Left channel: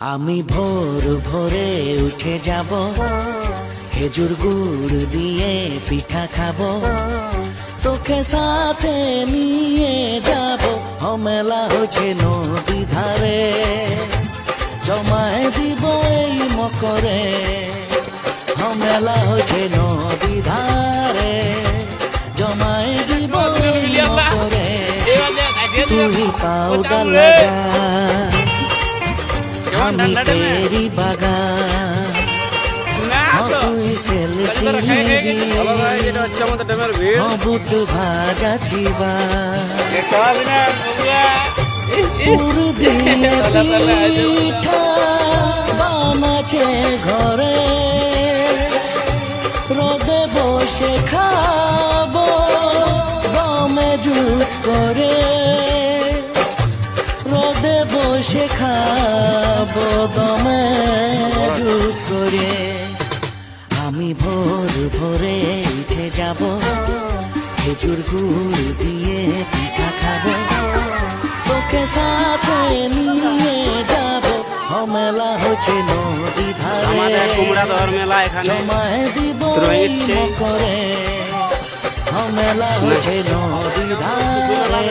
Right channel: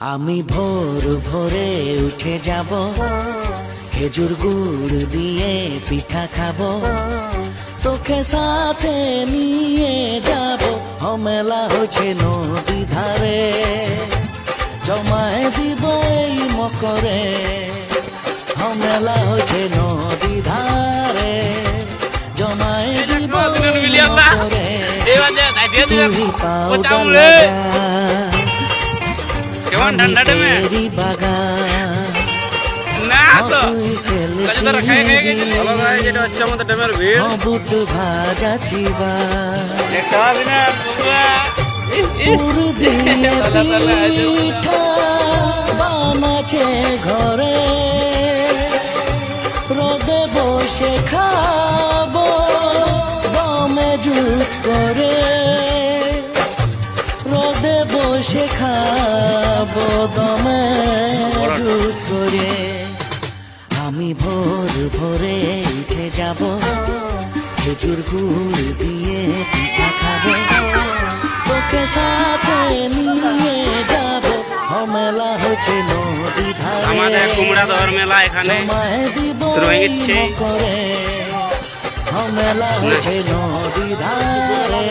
আমি ভোর ভোরে উঠে যাব, খেজুর গুড় দিয়ে পিঠা খাবো, তোকে সাথে নিয়ে যাব। মেলা হচ্ছে নদী ধারে, জমায় দিব এই মকরে। মেলা হচ্ছে নদী ধারে, জমায় দিব এই মকরে। তুই পাউডার লাগা, আমি তেরি বাগান, তুই সেলফি নিবি, বুট ভাজা চিবা, পুর দিয়ে পিঠা বানাছে ঘরে, রোদে বসে খাবো দমে জুট করে, রোদে বসে খাবো দমে জুট করে। আমি ভোর ভোরে উঠে যাব, খেজুর গুড় দিয়ে পিঠা খাবো, তোকে সাথে নিয়ে যাব। মেলা হচ্ছে নদী ধারে, জমায় দিব করে। মেলা হচ্ছে নদী ধারে,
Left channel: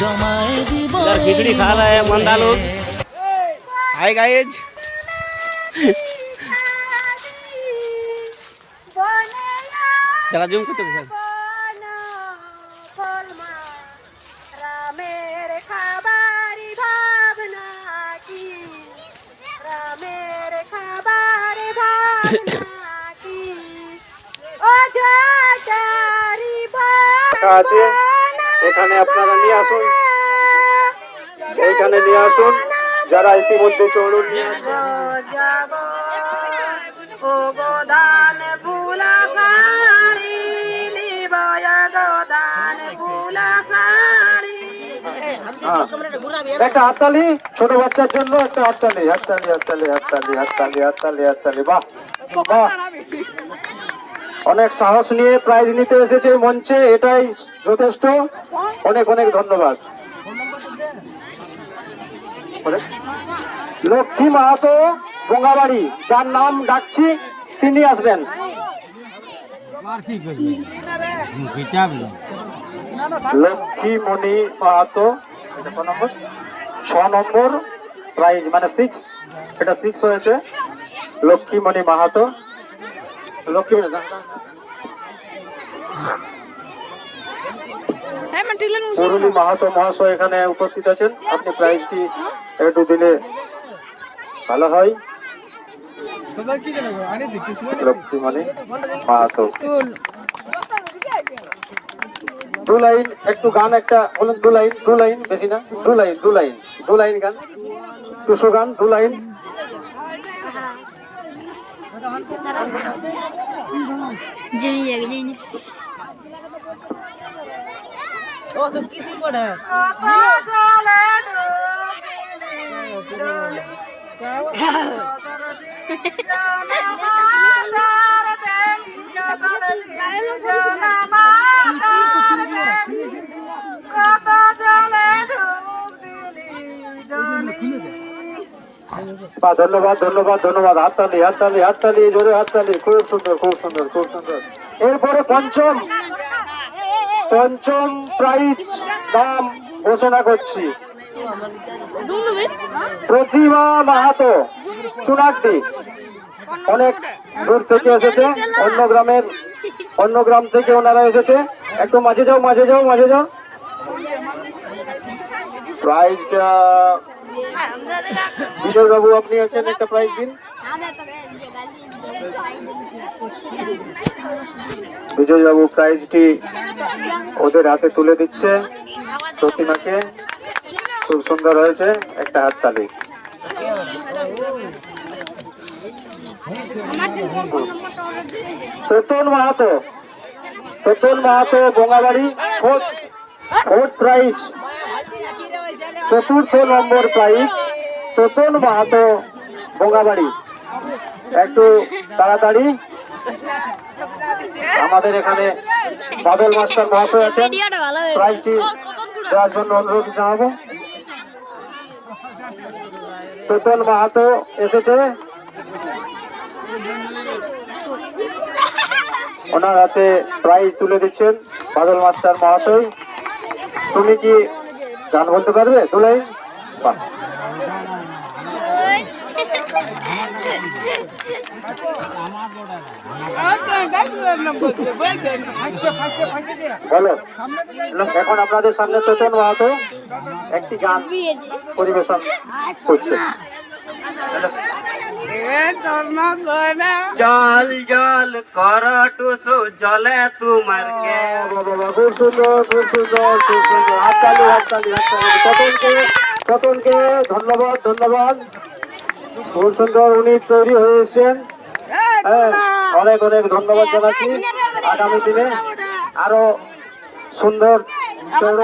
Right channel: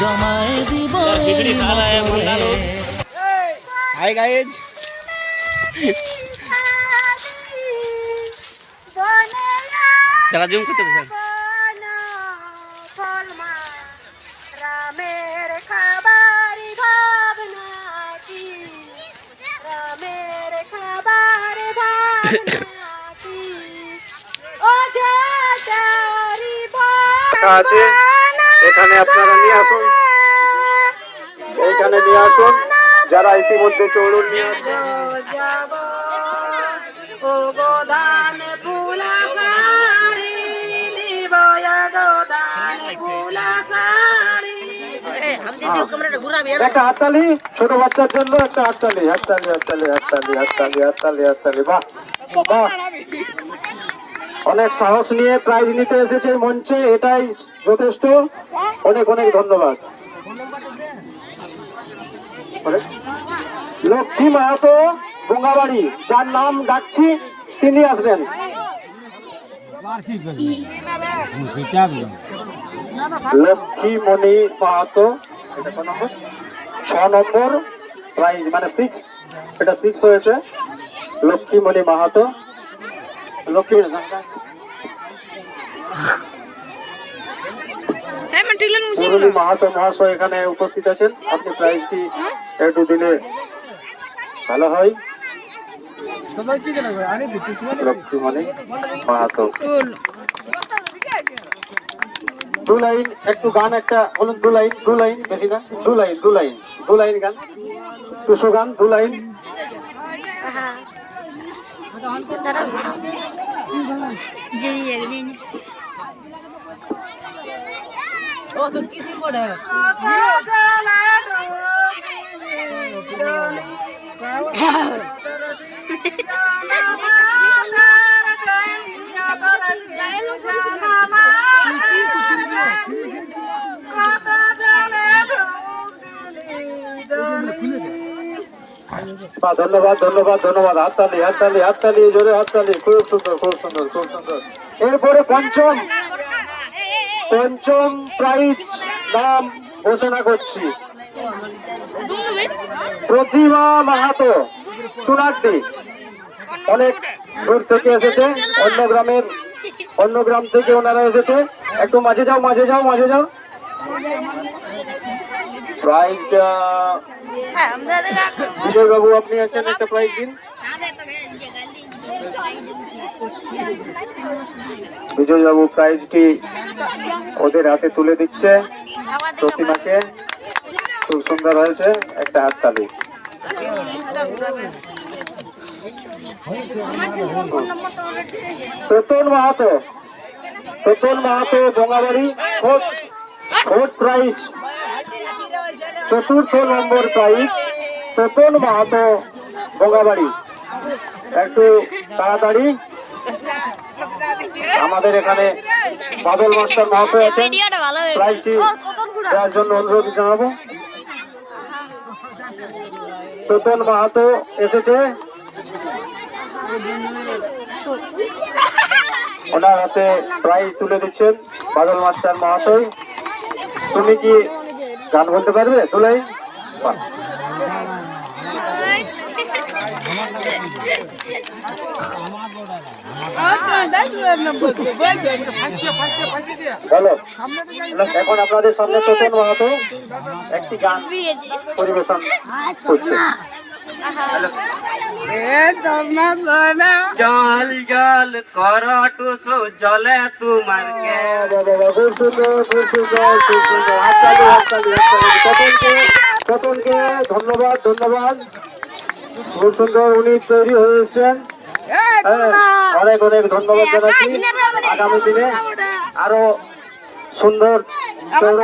জমায় দিব করে। হাই গাইজ, যারা জুম করতে দেখেন আছে, এখানে আপনারা নিয়ে আসুন, এইখানে নিয়ে আসুন। যারা ইতিমধ্যে চড়ুন একটা হাততালি, ছোট বাচ্চার জন্য একটা হাততালি, হাততালি হাততালি হাততালি হাততালি হাততালি হাততালি। বাহ বাহ, অনেক সাহস নিয়ে প্রাইজ নিতে এসেছে মঞ্চে, এটাই যথেষ্ট। অনেক অনেক ধন্যবাদ। লক্ষ্মী মাহাতো বঙ্গাবাড়ি, যার নাম ডাকছি তিনি আসবেন। লক্ষ্মী মণি মাহাতো, 6 নম্বর প্রাইজ, মানে 6, এটা 6 হয়েছে। লক্ষ্মী মণি মাহাতো, লক্ষ্মী মুরলী মাহাতো মহাশয় এখানে উপস্থিত আছেন। আপনি প্রাইজটি একটু দিলে ভালো হয়। লক্ষ্মীমণি মাহাতো, 2 লাইন একটু গান একটা বলুন। 2 লাইন, 2 লাইন, বেশি না, 2 লাইন, 2 লাইন, 2 লাইন গান, 200 গান, 2 লাইন। ধন্যবাদ ধন্যবাদ ধন্যবাদ। হাততালি হাততালি হাততালি, জোরে হাততালি। খুব সুন্দর খুব সুন্দর খুব সুন্দর। এরপরে পঞ্চম প্রাইজ নাম ঘোষণা করছি। প্রতিভা মাহাতো, সোনারদি, অনেক দূর থেকে এসেছে, অন্য গ্রাম থেকে ওনারা এসেছে। একটু মাঝে যাও মাঝে যাও মাঝে যাও। প্রাইজটা বিজয় বাবু, আপনি আছেন, একটা প্রাইজ দিন। বিজয় বাবু প্রাইজটি ওদের হাতে তুলে দিচ্ছে প্রতিমাকে। খুব সুন্দর হয়েছে, একটা হাততালি। Totan Mahato, Totan Mahato Bangabari, 4th prize, 4th number prize, Totan Mahato Bangabari. একটু তাড়াতাড়ি, আমাদের এখানে বাদল মাস্টার মহাশয় আছেন, প্রাইজটি দেওয়ার জন্য অনুরোধ জানাবো। তোতন মাহাতো এসেছে, ওনার হাতে প্রাইজ তুলে দিচ্ছেন বাদল মাস্টার মহাশয়। তুমি কি গান বলতে পারবে তুলাই? বাহ। বলো, এখন আপনাদের সামনে তোতন মাহাতো একটি গান পরিবেশন করছে। জল জল কর টুসু জলে তোমার কে বাবা, খুব সুন্দর, খুব সুন্দর, খুব সুন্দর। হাততালি, হাততালি, হাততালি। তপনকে ধন্যবাদ, ধন্যবাদ। খুব সুন্দর, উনি তৈরি হয়ে এসছেন। হ্যাঁ, অনেক অনেক ধন্যবাদ জানাচ্ছি। আগামী দিনে আরো সুন্দর চৌড়